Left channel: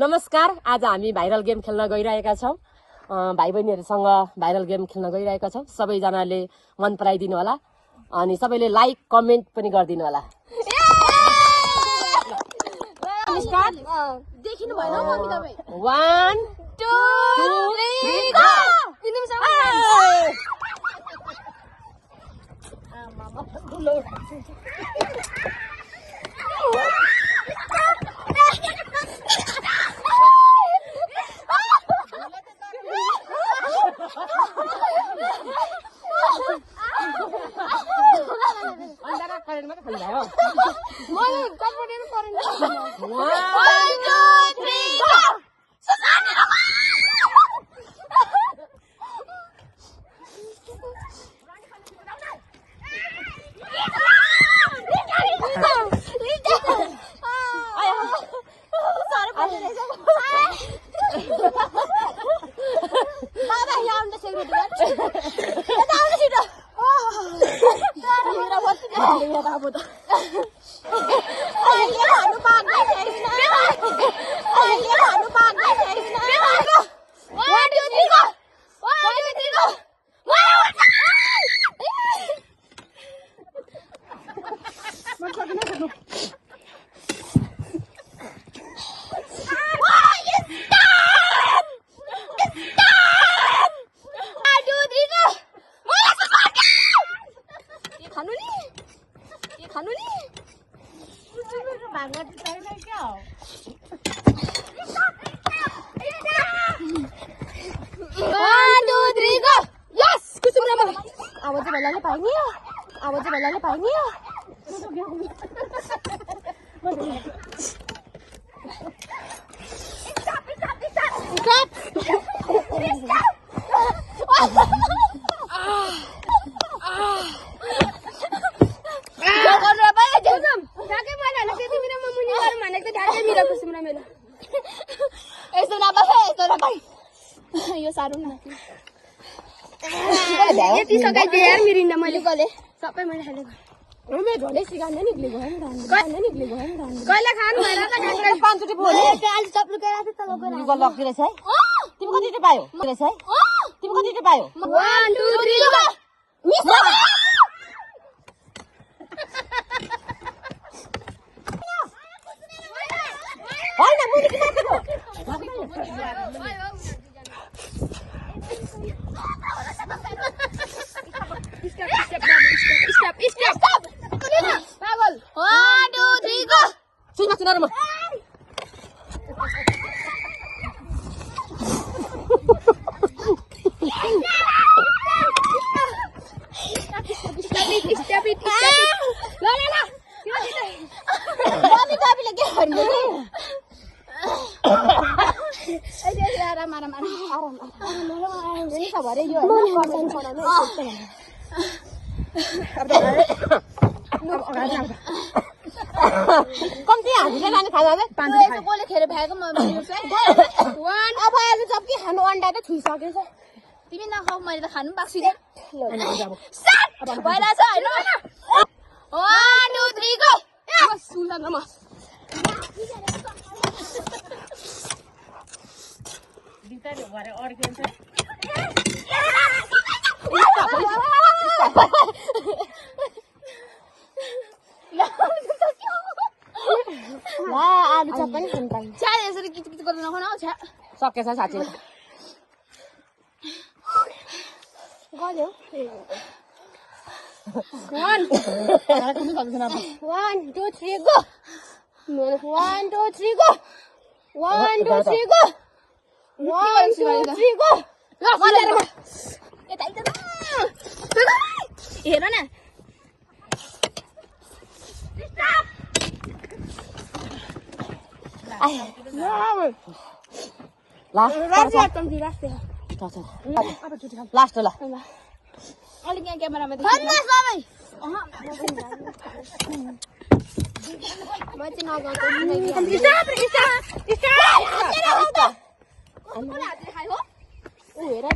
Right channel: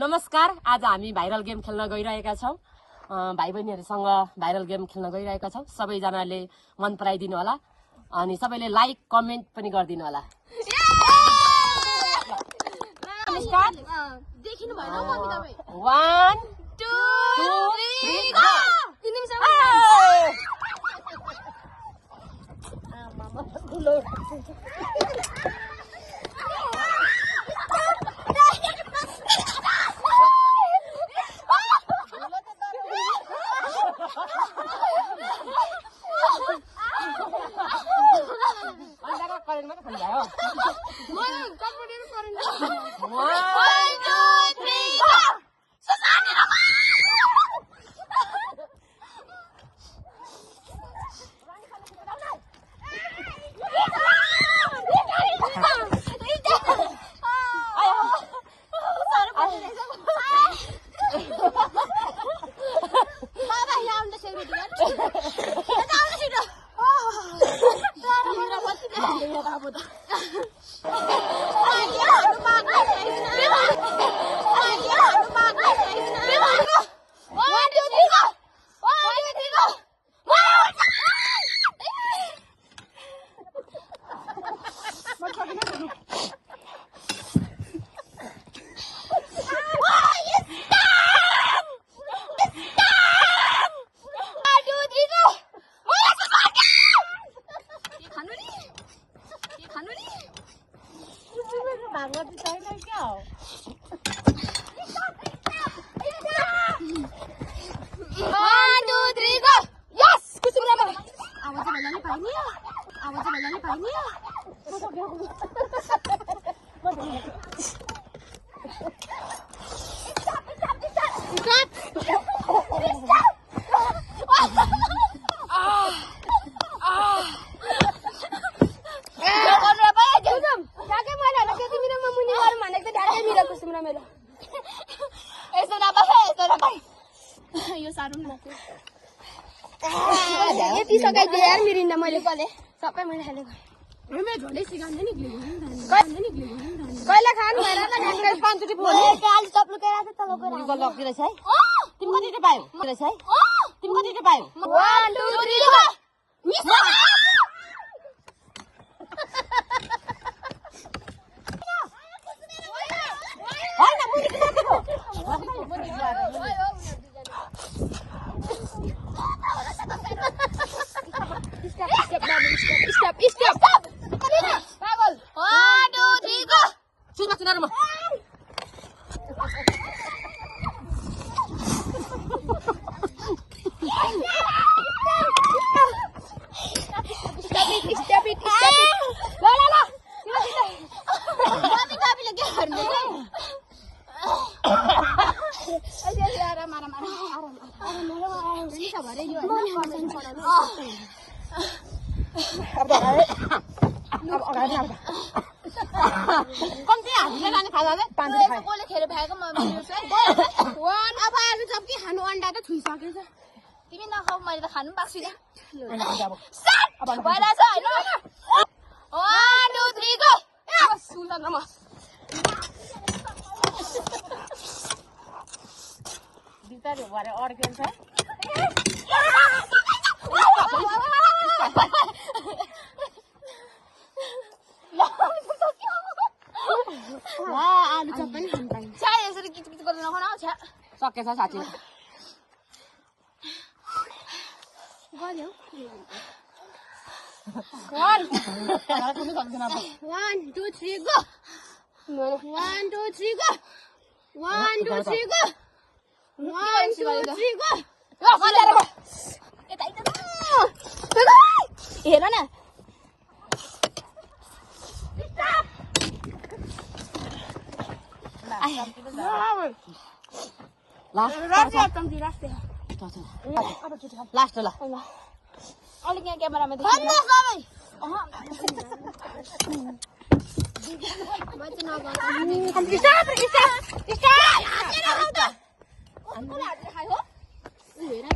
नमस्कार, आज हामी भाइरल गेम खेल्न गइरहेका छौं। भाइ बहिनीहरुसँग भाइरल गेम खेल्न गइरहेका छौं। सबैजनाले मन पराइदिनु होला अनि सबैले लाइक कमेन्ट पनि गरिदिनु होला। स्टार्ट देखिनु भएन मम्मी तपाई 1 2 3 गो। यो सारो न यति सकाइ दे यार मिरिन्डा मैले गले सबै मैले खालेको हैन झोले सिगाने नि गयो नि कहिले खानु हैन पाँच रुपैयाँ भोले अलि चप्लु के राखे त लगेर गल लगिरहेछ है। तिमी कति रुपैयाँ पायो? रहेछ है। तिमी कति रुपैयाँ पायो? 1 2 3 गो। हैन मुनि किन राखेको? Stop. Pagal. 1 2 3 go. सुनमा सुनारमा Stop it. La. Mami babile ke गर्नु? अहिले आराम नि त भरे यो पर्सन पढाउने कम्ती हामीले लाने खाजा ले यसो गोले खेर भएको मम्मी उसलाई 1 अब आज सबै खानु अन्डा त खुइसकेछ तिमी नखाऊ मैले त खानु पाक्छु नि अब भइराछ हैन 1 2 3 गो सुनमा बिस्तारै भरे अड्किन्छ ला आलु चप पनि खानु पाइन्छ चाय यसरी किटकिट गर्नु नखाऊ न सकेछ साथी गयो 1 2 3 go 1 2 3 go 1 2 3 go 1 2 3 go ल गरे यता हेर न लास्ट ल अलिक यहाँ क्यामेरामा हेर